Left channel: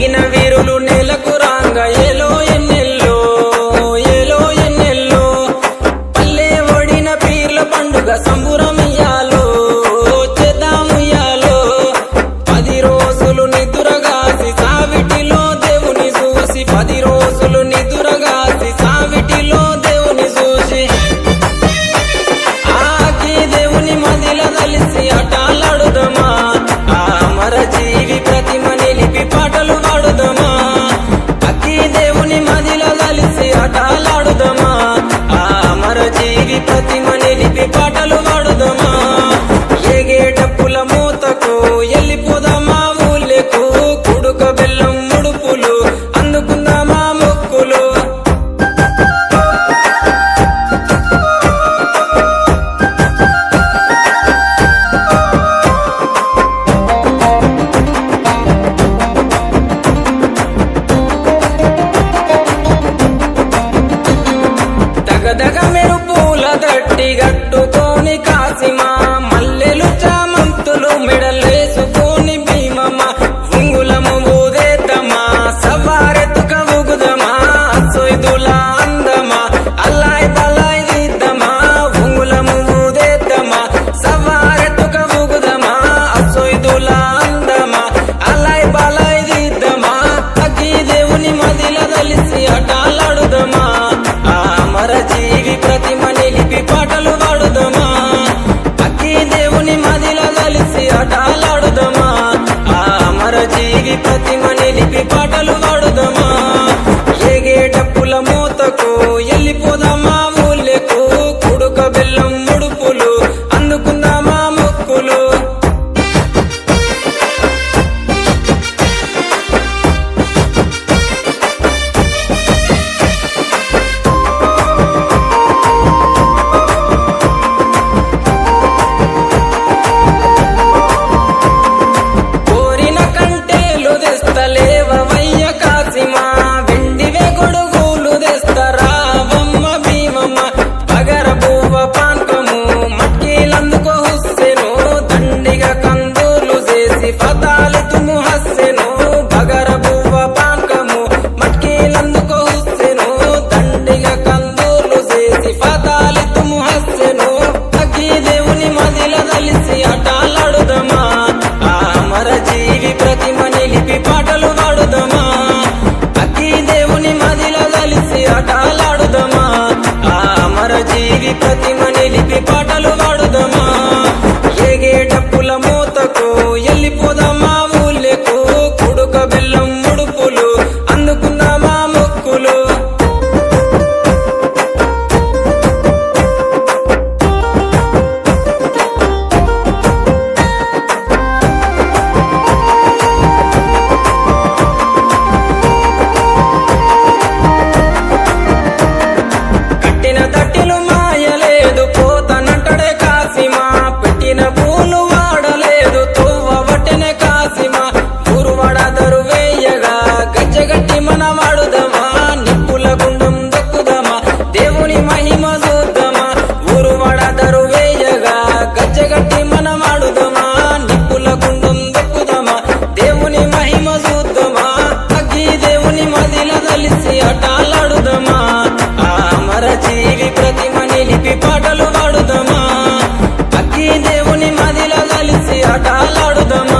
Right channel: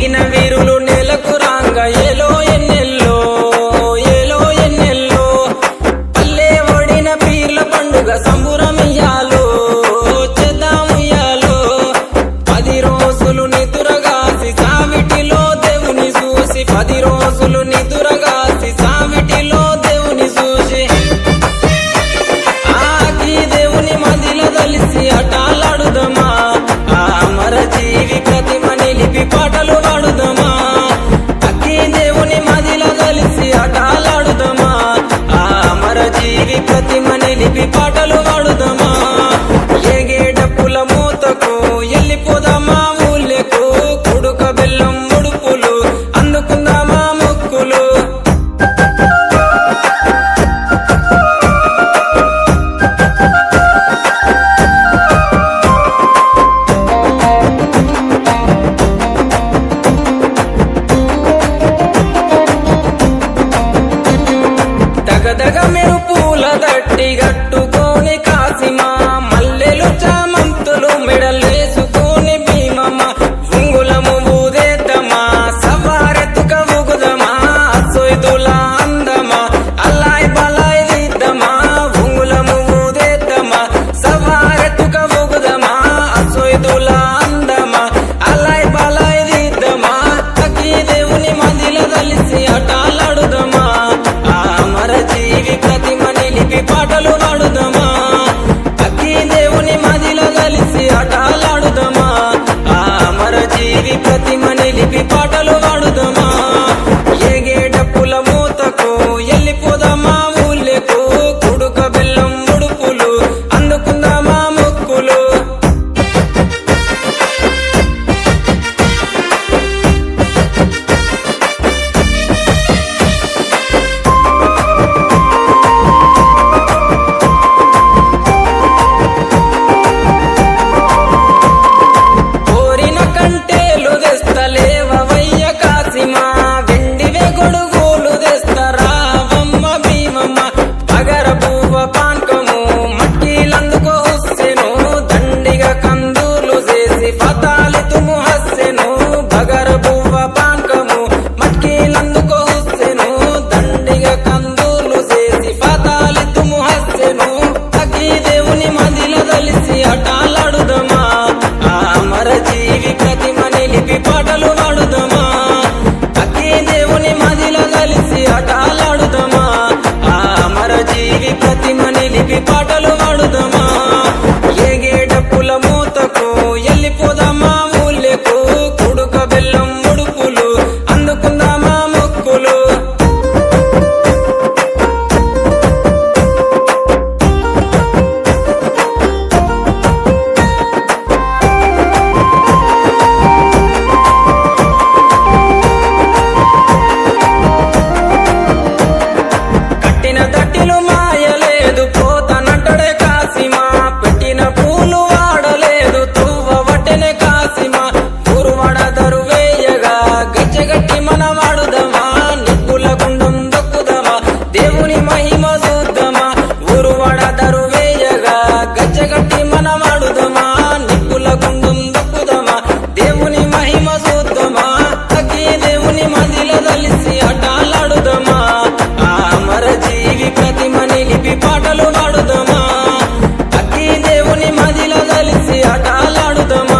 నింగిన వీరులు నేలకు రాంగ ఏలో ఎన్నెల్లో ఏలో ఎన్నెల్లో పల్లె ఒడిన పీర్ల పండుగ సంబురమియ్యాలో చేద్దాముయ్యాలో 10 రోజులు నిదురగాసి సావిటిలో దేవుని చూసి 10 రోజులు నిదురగాసి సావిటిలో దేవుని చూసి ఆకి దేవుని మదిల దలిసి అటాలాడుదమా ఆ అమర జీవి ప్రతిమ నిలిపి పాటలు పాడుదమా అక్కి దేవుని మదిల దలిసి అటాలాడుదమా ఆ అమర జీవి ప్రతిమ నిలిపి పాటలు పాడుదమా ఏగే డప్పుల మూతకు ఎల్లిపోదామా ఊళ్ళకు కుడుక బెల్లం ముడుపులు అందుకుందామా మొక్కులు దగదగ మెరుపుల దట్టి గట్టుకోని కాసిమా మల్లెలు చామంతులు మెడలేసుకొని భీమమ్మ ఉంగులము ఊదేద్దమా సవారెతుక ఉగుదమా సొయ్దుల అందమా అల్లాయ్ బలాయ్ దిద్దమా ఉంగులము ఊదేద్దమా సవారెతుక ఉగుదమా సొయ్దుల అందమా అల్లాయ్ బలాయ్ దిద్దమా అగ్గి దేవుని మదిల దలిసి అటాలాడుదమా ఆ అమర జీవి ప్రతిమ నిలిపి పాటలు పాడుదమా అక్కి దేవుని మదిల దలిసి అటాలాడుదమా ఆ అమర జీవి ప్రతిమ నిలిపి పాటలు పాడుదమా ఏగే డప్పుల మూతకు ఎల్లిపోదామా ఊళ్ళకు కుడుక బెల్లం ముడుపులు అందుకుందామా మొక్కులు కంటేలు తెస్తలేవయ్య కాసిమా వెండివే గొడుగులు తెస్తరావమ్మ భీమమ్మ బగర బువ్వ పాన్కము మట్కీలందుకో హుస్సెను దండిగా కందూర్లు చేసి ఫతాలి తుము హస్సెను బగర బువ్వ పాన్కము మట్కీలందుకో హుస్సెను దండిగా కందూర్లు చేసి ఫతాలి తుము హస్సెను అగ్గి దేవుని మదిల దలిసి అటాలాడుదమా ఆ అమర జీవి ప్రతిమ నిలిపి పాటలు పాడుదమా అక్కి దేవుని మదిల దలిసి అటాలాడుదమా ఆ అమర జీవి ప్రతిమ నిలిపి పాటలు పాడుదమా ఏగే డప్పుల మూతకు ఎల్లిపోదామా ఊళ్ళకు కుడుక బెల్లం ముడుపులు అందుకుందామా మొక్కులు పెట్టిన దట్టిలు మాయలేదు పోతనంటడే కాసిమా పెట్టిన పూలు వాడలేదు తువ్వవటెనే కాసిమా గురువాడ దరువేయగా గచ్చగట్టి మన వాడుదమా నిప్పుల గుండం దొక్కుదమా దేవుని మహిమ చూద్దామా గురువాడ దరువేయగా గచ్చగట్టి మన వాడుదమా నిప్పుల గుండం దొక్కుదమా దేవుని మహిమ చూద్దామా అగ్గి దేవుని మదిల దలిసి అటాలాడుదమా ఆ అమర జీవి ప్రతిమ నిలిపి పాటలు పాడుదమా అక్కి దేవుని మదిల దలిసి అటాలాడుదమా